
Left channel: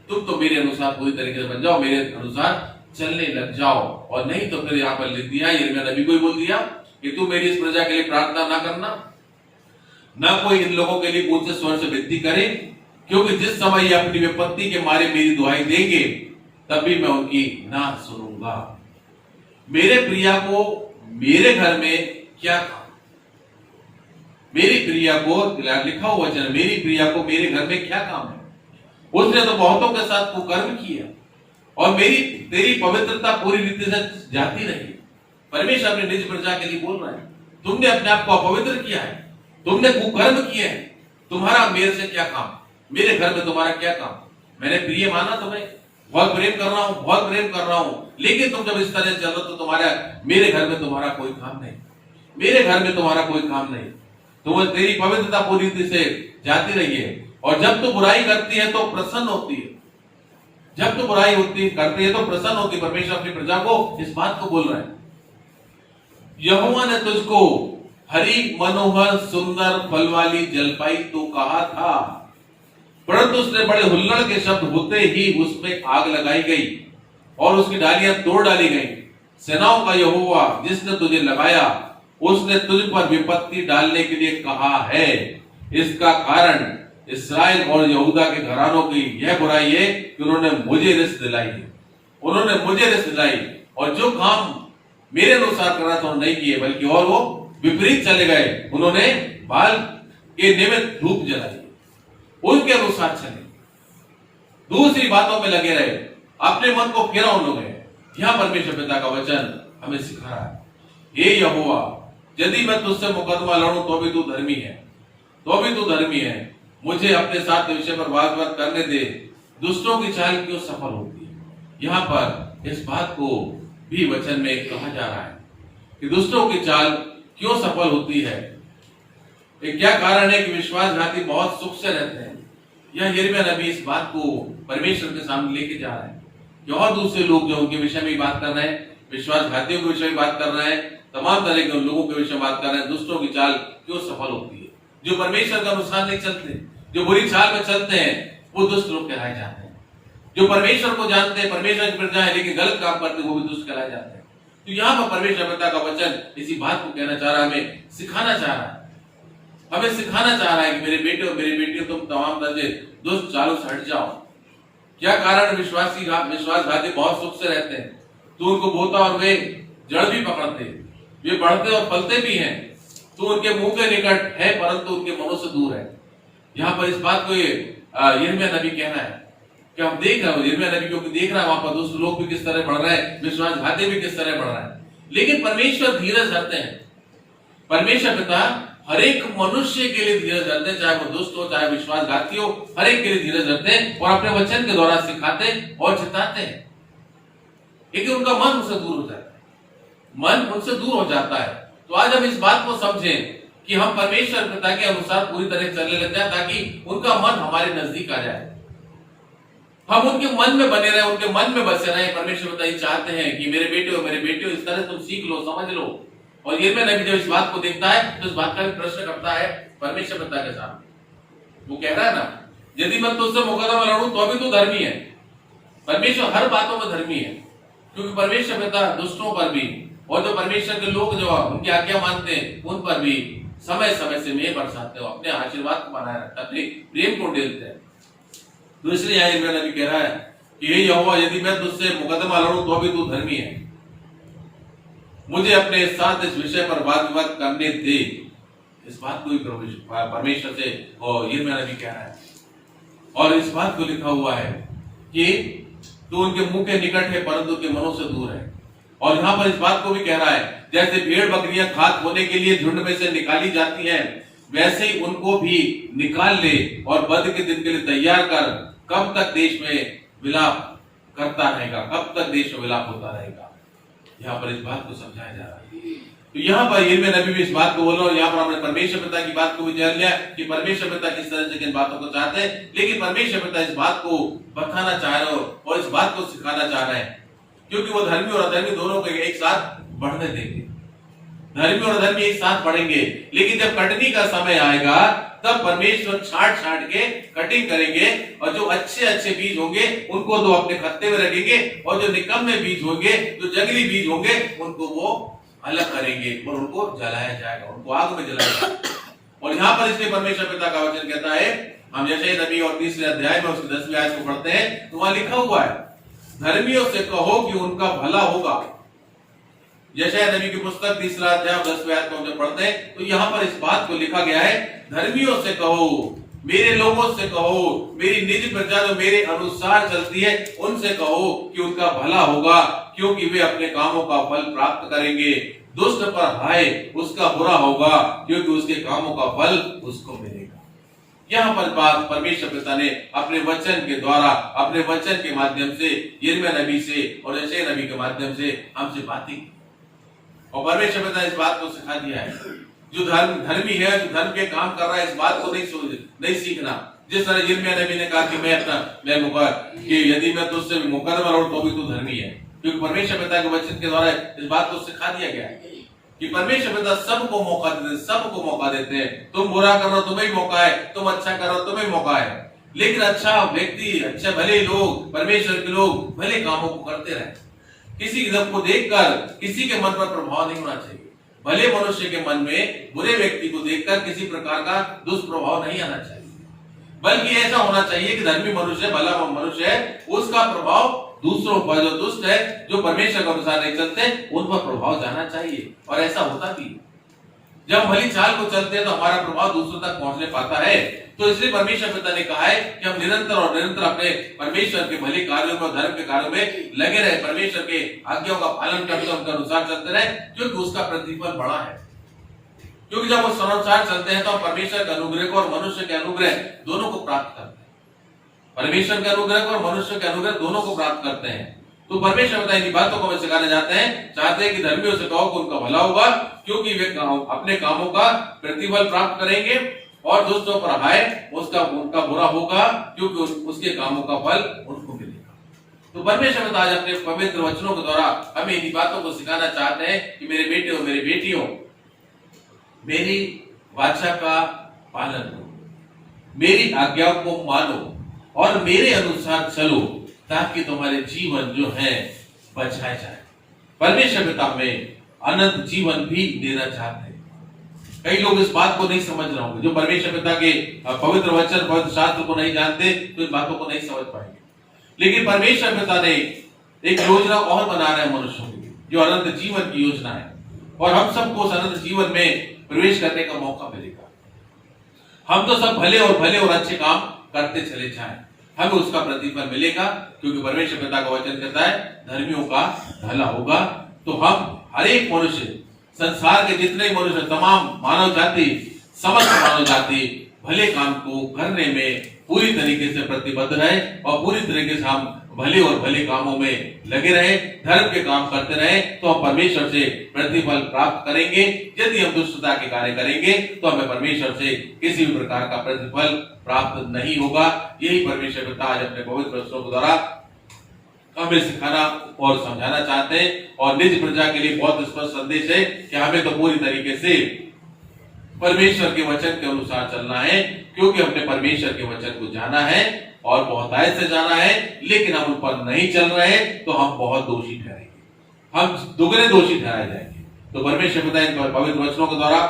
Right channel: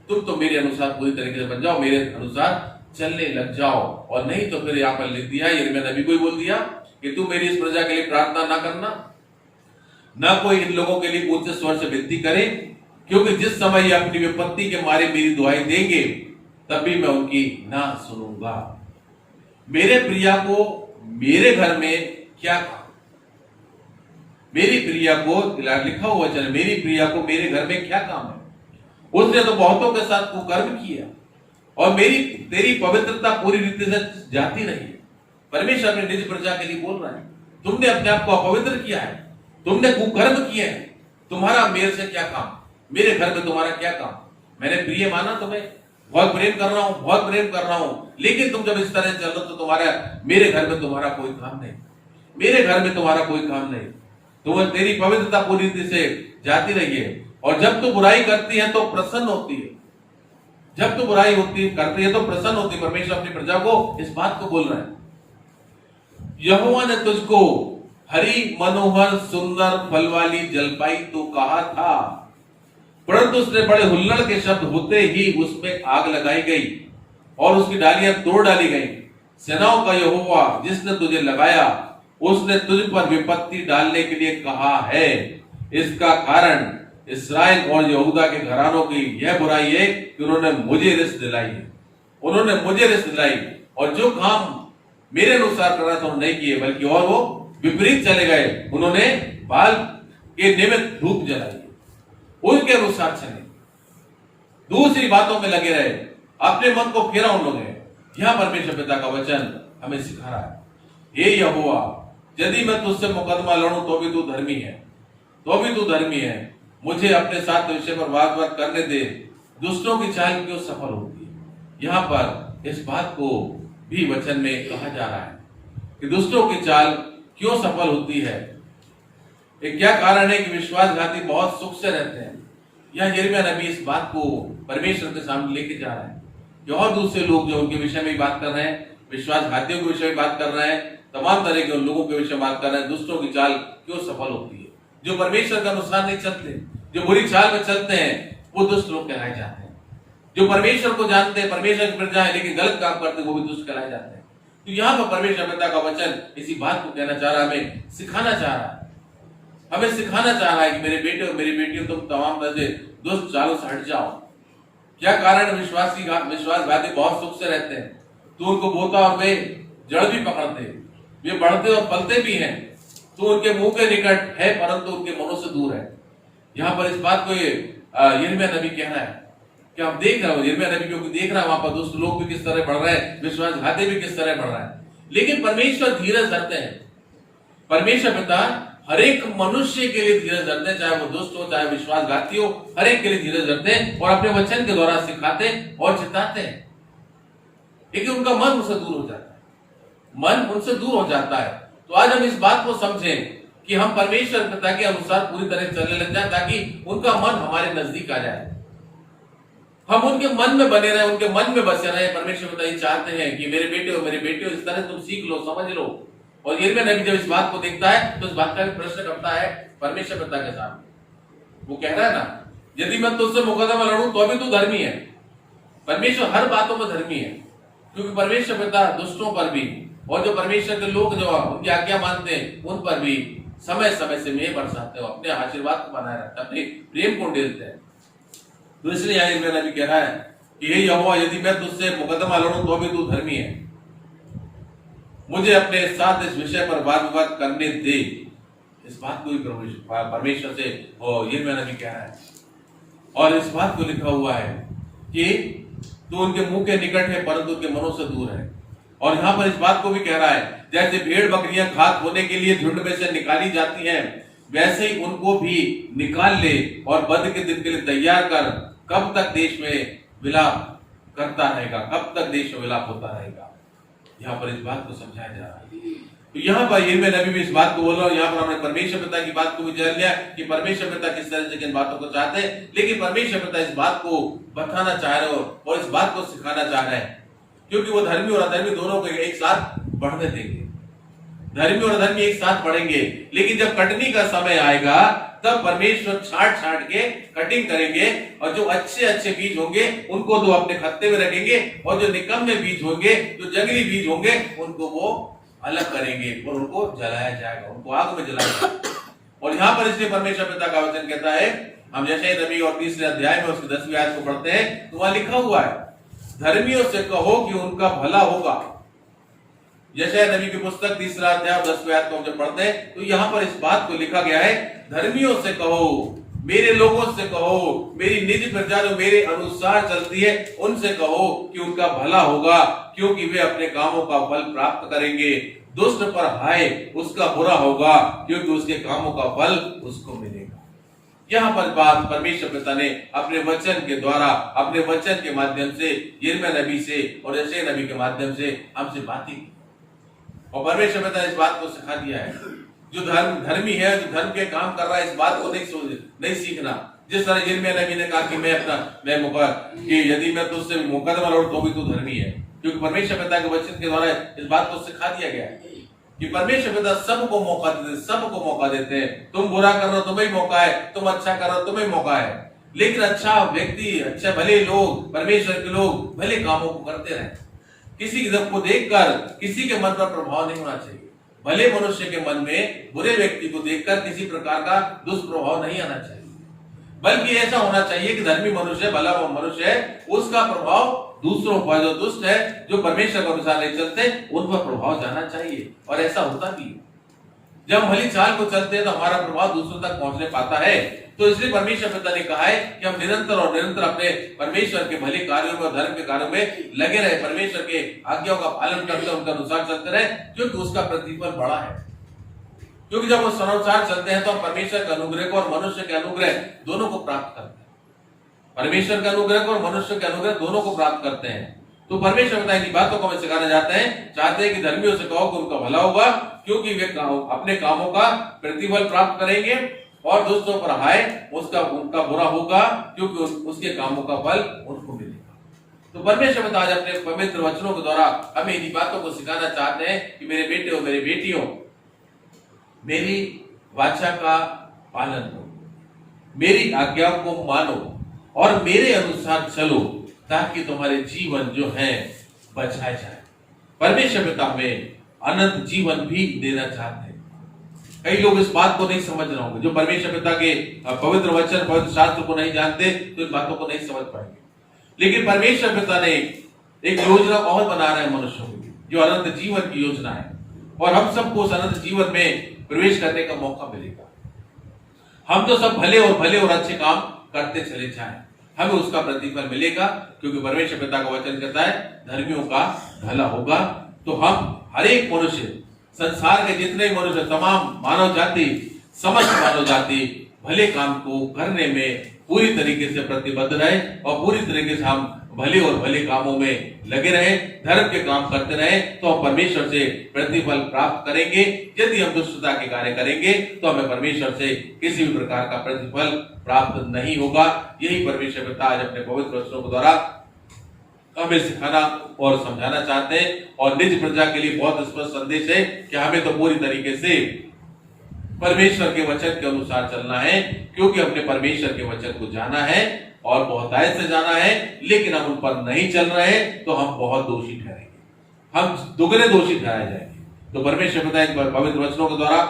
तुम तो मेरे अनुसार पूरी तरीके से बन जाओ, मेरे अनुसार चलने लग जाओ। और नहीं तो फिर यहाँ पर लिख दिया, यिर्मयाह नबी को ही बोल दिया कि तू मेरी इस प्रजा के लिए प्रार्थना ना करना, ना कोई इन लोगों के लिए ऊंचे स्वर से विनती करे, क्योंकि जिस समय ये अपनी विपत्ति के मारे मेरी दुहाई देंगे, तभी मैं उनकी ना सुनूंगा। मेरे प्रिया को मेरे घर में क्या काम? मेरी प्रिया को, लिखा हुआ वचन, मेरी प्रिया को मेरे घर में क्या काम है? उसने तो बहुतों के साथ कुकर्म किया, और तेरी पवित्रता पूरी रीति से जाती रही। परमेश्वर अपने निज प्रजा के लिए बोल रहा है, तुमने अपने आप को अपवित्र किया है, तुमने कुकर्म किए हैं, तुम्हारा मेरे से क्या काम? मेरे घर में तुम्हारा क्या काम? मैंने प्रिय माना तुम्हें, बहुत प्रेम कर रहा हूं, लेकिन तुम जब इस तरह चलो तो मेरे घर में तुम्हारा कोई काम नहीं, मेरे घर में तुम्हारा कोई काम नहीं। तुम्हें तेरी पवित्रता पूरी रीति से जाती रही है, और जब तू बुराई करती है तो प्रसन्न होती है, जब तू बुराई करती है तो प्रसन्न होती है। परमेश्वर अपनी प्रजा को इस बात को बोल रहा है, यहोवा ने तुझको हरी मनोहर सुंदर फल वाली जलपाई तो कहा था, परंतु उसने बड़े हुल्लड़ के शब्द होते ही उसमें आग लगाई गई और उसकी डालियां तोड़ डाली गई। सेनाओं का यहोवा जिसने तुझे लगाया, उसने तुझ पर विपत्ति डालने के लिए कहा है। इसका कारण इस्राएल और यहूदा के घरानों की यह बुराई है कि उन्होंने मुझे रिस दिलाई, और जो काम मेरे अनुसार करना था नहीं किए, बल्कि और वो विपरीत चले गए। उन्होंने बाल के निमित्त धूप जलाई, उनके अनुसार चले, दूसरी बातों में लगे रहे, अपने मन को फेरा उन लोगों ने। यहां परमेश्वर पिता का वचन हमें सिखा रहा है, हे यहोवा, यदि मैं तुझसे मुकदमा लड़ूं तो भी तू धर्मी है, मुझे अपने साथ विषय पर वाद करने दे। दुष्टों की चाल क्यों सफल होती है? यहाँ पर इस बात को भी वचन में कहा जा रहा है कि दुष्टों की चाल क्यों सफल होती है। क्या कारण है कि विश्वासघाती बहुत सुख से रहते हैं? यह यिर्मयाह नबी इस बात को परमेश्वर के सामने लेके जा रहा है कि और दूसरे लोग जो उनके विषय में बात कर रहे हैं, विश्वासघातियों के विषय में बात कर रहे हैं, तमाम तरह के लोगों के विषय में बात कर रहे हैं। दुष्टों की चाल क्यों सफल होती है? जो परमेश्वर के अनुसार नहीं चलते, जो बुरी चाल में चलते हैं, वो दुष्ट लोग कहलाए जाते हैं। जो परमेश्वर को जानते हैं, परमेश्वर की प्रजा है, लेकिन गलत काम करते हैं, वो भी दुष्ट कहलाए जाते हैं। तो यहाँ पर परमेश्वर पिता का वचन इसी बात को कहना चाह रहा है, हमें सिखाना चाह रहा है कि मेरे बेटे और मेरी बेटियों, तुम तमाम तरह से दुष्ट चालों से हट जाओ। क्या कारण? विश्वासघाती बहुत सुख से रहते हैं, तो उनको बोता और वे जड़ भी पकड़ते, वे बढ़ते और फलते भी हैं, तो उनके मुंह के निकट है परंतु उनके मनों से दूर है। यहाँ पर इस बात को यिर्मयाह नबी कहना है कि हम देख रहे हो, यिर्मयाह नबी क्योंकि देख रहा है वहां पर दुष्ट लोग भी किस तरह बढ़ रहे हैं, विश्वासघाती भी किस तरह बढ़ रहा है। लेकिन परमेश्वर धीरज धरते हैं, परमेश्वर पिता हर एक मनुष्य के लिए धीरज धरते हैं, चाहे वो दुष्ट हो चाहे विश्वासघाती हो, हर एक के लिए धीरज धरते हैं और अपने वचन के द्वारा सिखाते हैं और चिताते हैं। लेकिन उनका मन उनसे दूर हो जाता है। तो आज हम इस बात को समझें कि हम परमेश्वर पिता के अनुसार पूरी तरह चलने लग जाए, ताकि उनका मन हमारे नजदीक आ जाए, हम उनके मन में बने रहे, उनके मन में बसे रहे। परमेश्वर पिता ये चाहते हैं कि मेरे बेटे और मेरे बेटियों, इस तरह तुम सीख लो, समझ लो। और यिर्मयाह नबी जब इस बात को देखता है तो इस बात का भी प्रश्न करता है परमेश्वर पिता के सामने। वो कह रहा है ना, यदि मैं तुझसे मुकदमा लड़ूं तो भी तू धर्मी है। परमेश्वर हर बातों में धर्मी है, क्योंकि परमेश्वर पिता दुष्टों पर भी और जो परमेश्वर के लोग जो उनकी आज्ञा मानते हैं उन पर भी समय समय से मेघ बरसाते हो, अपने आशीर्वाद को बनाए रखता है, अपने प्रेम को डेलते हैं। तो इसलिए यहाँ यिर्मयाह नबी कह रहा है कि हे यहोवा, यदि मैं तुझसे मुकदमा लड़ूं तो भी तू धर्मी है, मुझे अपने साथ इस विषय पर वाद विवाद करने दे। इस बात को भी परमेश्वर से यिर्मयाह नबी कह रहा है। और इस बात को लिखा हुआ है कि तू उनके मुंह के निकट है परंतु उनके मनों से दूर है। और यहाँ पर इस बात को भी कह रहा है, जैसे भेड़ बकरियां घात होने के लिए झुंड में से निकाली जाती हैं, वैसे ही उनको भी निकाल ले और वध के दिन के लिए तैयार कर। कब तक देश में विलाप करता रहेगा, कब तक देश में विलाप होता रहेगा। यहाँ पर इस बात को समझाया जा रहा है। तो यहाँ पर यिर्मयाह नबी भी इस बात को बोला, और यहाँ पर हमने परमेश्वर पिता की बात को भी जान लिया कि परमेश्वर पिता किस तरह से किन बातों को चाहते हैं। लेकिन परमेश्वर पिता इस बात को बताना चाह रहे हो और इस बात को सिखाना चाह रहे हैं, क्योंकि वो धर्मी और अधर्मी दोनों को एक साथ बढ़ने देंगे। धर्मी और अधर्मी एक साथ बढ़ेंगे, लेकिन जब कटनी का समय आएगा तब परमेश्वर छाट के कटिंग करेंगे, और जो अच्छे अच्छे बीज होंगे उनको तो अपने खत्ते में रखेंगे, और जो निकम्मे बीज होंगे, जो जंगली बीज होंगे, उनको वो अलग करेंगे और उनको जलाया जाएगा, उनको आग में जलाया जाएगा। और यहाँ पर इसलिए परमेश्वर पिता का वचन कहता है, हम यशायाह नबी और 3 अध्याय में उसके 10वीं आयत को पढ़ते हैं, तो वहां लिखा हुआ है, धर्मियों से कहो कि उनका भला होगा। यशायाह नबी की पुस्तक 3 अध्याय 10वीं आयत को हम जब पढ़ते हैं, तो यहाँ पर इस बात को लिखा गया है, धर्मियों से कहो, मेरे लोगों से कहो, मेरी निज प्रजा जो मेरे अनुसार चलती है, उनसे कहो कि उनका भला होगा, क्योंकि वे अपने कामों का फल प्राप्त करेंगे। दुष्ट पर हाय, उसका बुरा होगा, क्योंकि उसके कामों का फल उसको मिलेगा। यहाँ पर बात परमेश्वर पिता ने अपने वचन के द्वारा, अपने वचन के माध्यम से, यिर्मयाह नबी से और यशायाह नबी के माध्यम से हमसे बातें की, और परमेश्वर पिता ने इस बात को सिखा दिया है। जो धर्मी है, जो धर्म के काम कर रहा है, इस बात को नहीं सीखना। जिस तरह यिर्मयाह नबी ने कहा कि कि यदि मैं तुझसे मुकदमा लड़ूं तो भी तू धर्मी है, क्योंकि परमेश्वर पिता के वचन के द्वारा इस बात को सिखा दिया गया है कि परमेश्वर पिता सबको मौका देते हैं, सबको मौका देते हैं। तुम बुरा कर रहे हो तुम्हें मौका है, तुम अच्छा कर रहे हो तुम्हें मौका है, लेकिन अच्छा व्यक्ति, अच्छा भले लोग, परमेश्वर के लोग भले कामों को करते रहे। किसी को देखकर किसी के मन पर प्रभाव नहीं होना चाहिए। भले मनुष्य के मन में बुरे व्यक्ति को देखकर किसी प्रकार का दुष्प्रभाव नहीं आना चाहिए, बल्कि ऐसा होना चाहिए कि धर्मी मनुष्य, भला मनुष्य है, उसका प्रभाव दूसरों पर, जो दुष्ट है, जो परमेश्वर के अनुसार नहीं चलते, उन पर प्रभाव जाना चाहिए। और ऐसा होता भी है। जब भली चाल को चलते हैं तो हमारा प्रभाव दूसरों तक पहुंचने पाता है। तो इसलिए परमेश्वर पिता ने कहा है कि हम निरंतर और निरंतर अपने परमेश्वर के भले कार्यों में और धर्म के कार्यों में लगे रहे, परमेश्वर के आज्ञाओं का पालन करते, उनके अनुसार चलते रहे, क्योंकि उसका प्रतिफल बड़ा है। क्योंकि जब उस अनुसार चलते हैं तो हम परमेश्वर के अनुग्रह को और मनुष्य के अनुग्रह दोनों को प्राप्त करते हैं। परमेश्वर के अनुग्रह को और मनुष्य के अनुग्रह दोनों को प्राप्त करते हैं। तो परमेश्वर पिता इन बातों को हमें सिखाने जाते हैं, चाहते हैं कि धर्मियों से कहो कि उनका भला होगा, क्योंकि वे अपने कामों का प्रतिफल प्राप्त करेंगे, और दुष्टों पर हाय, उनका बुरा होगा, क्योंकि उसके कामों का फल उनको मिलेगा। तो परमेश्वर पिता आज अपने पवित्र वचनों के द्वारा हमें इन बातों को सिखाना चाहते हैं कि मेरे बेटे और मेरी बेटियों, मेरी वाचा का पालन करो, मेरी आज्ञाओं को मानो और मेरे अनुसार चलो, ताकि तुम्हारे जीवन जो है बचाए जाए। परमेश्वर पिता हमें अनंत जीवन भी देना चाहते हैं। कई लोग इस बात को नहीं समझ रहे होंगे, जो परमेश्वर पिता के पवित्र वचन, पवित्र शास्त्र को नहीं जानते, तो इन बातों को नहीं समझ पाएंगे। लेकिन परमेश्वर पिता ने एक योजना और बना रहे हैं मनुष्यों के लिए, जो अनंत जीवन की योजना है, और हम सबको उस अनंत जीवन में प्रवेश करने का मौका मिलेगा। हम तो सब भले और अच्छे काम करते चले जाएं, हमें उसका प्रतिफल मिलेगा, क्योंकि परमेश्वर पिता का वचन कहता है धर्मियों का भला होगा। तो हम हर एक मनुष्य, संसार के जितने मनुष्य, तमाम मानव जाति, समस्त मानव जाति भले काम को करने में पूरी तरीके से प्रतिबद्ध रहे, और पूरी तरीके से हम भले और भले कामों में लगे रहे, धर्म के काम करते रहे, तो हम परमेश्वर से प्रतिफल प्राप्त करेंगे। यदि हम दुष्टता के कार्य करेंगे तो हमें परमेश्वर से किसी भी प्रकार का प्रतिफल प्राप्त नहीं होगा। यही परमेश्वर पिता आज अपने पवित्र वचनों के द्वारा हमें सिखाना और समझाना चाहते हैं, और निज प्रजा के लिए बहुत स्पष्ट संदेश है कि हमें तो पूरी तरीके से परमेश्वर के वचन के अनुसार चलना है, क्योंकि हमने परमेश्वर के वचन को जाना है और बहुत आयत से जाना है, लेकिन हम उन पर नहीं चल रहे तो हम बहुत दोषी ठहरेंगे, हम दुगने दोषी ठहराए जाएंगे। तो परमेश्वर पिता इन पवित्र वचनों के द्वारा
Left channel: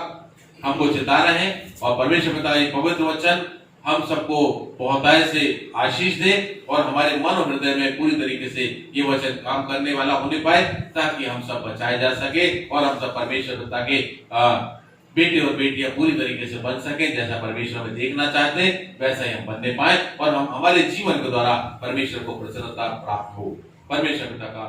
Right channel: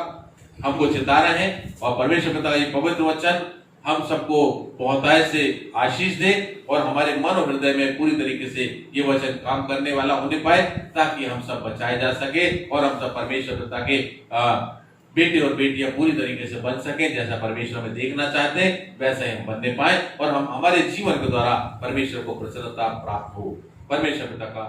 हमको चिता रहे हैं और परमेश्वर पिता का ये पवित्र वचन हम सबको बहुतायत से आशीष दे और हमारे मन और हृदय में पूरी तरीके से ये वचन काम करने वाला होने पाए, ताकि हम सब बचाए जा सके और हम सब परमेश्वर पिता के बेटे और बेटियां पूरी तरीके से बन सके। जैसा परमेश्वर हमें देखना चाहते हैं वैसा ही हम बनने पाए और हम हमारे जीवन के द्वारा परमेश्वर को प्रसन्नता प्राप्त हो। परमेश्वर पिता का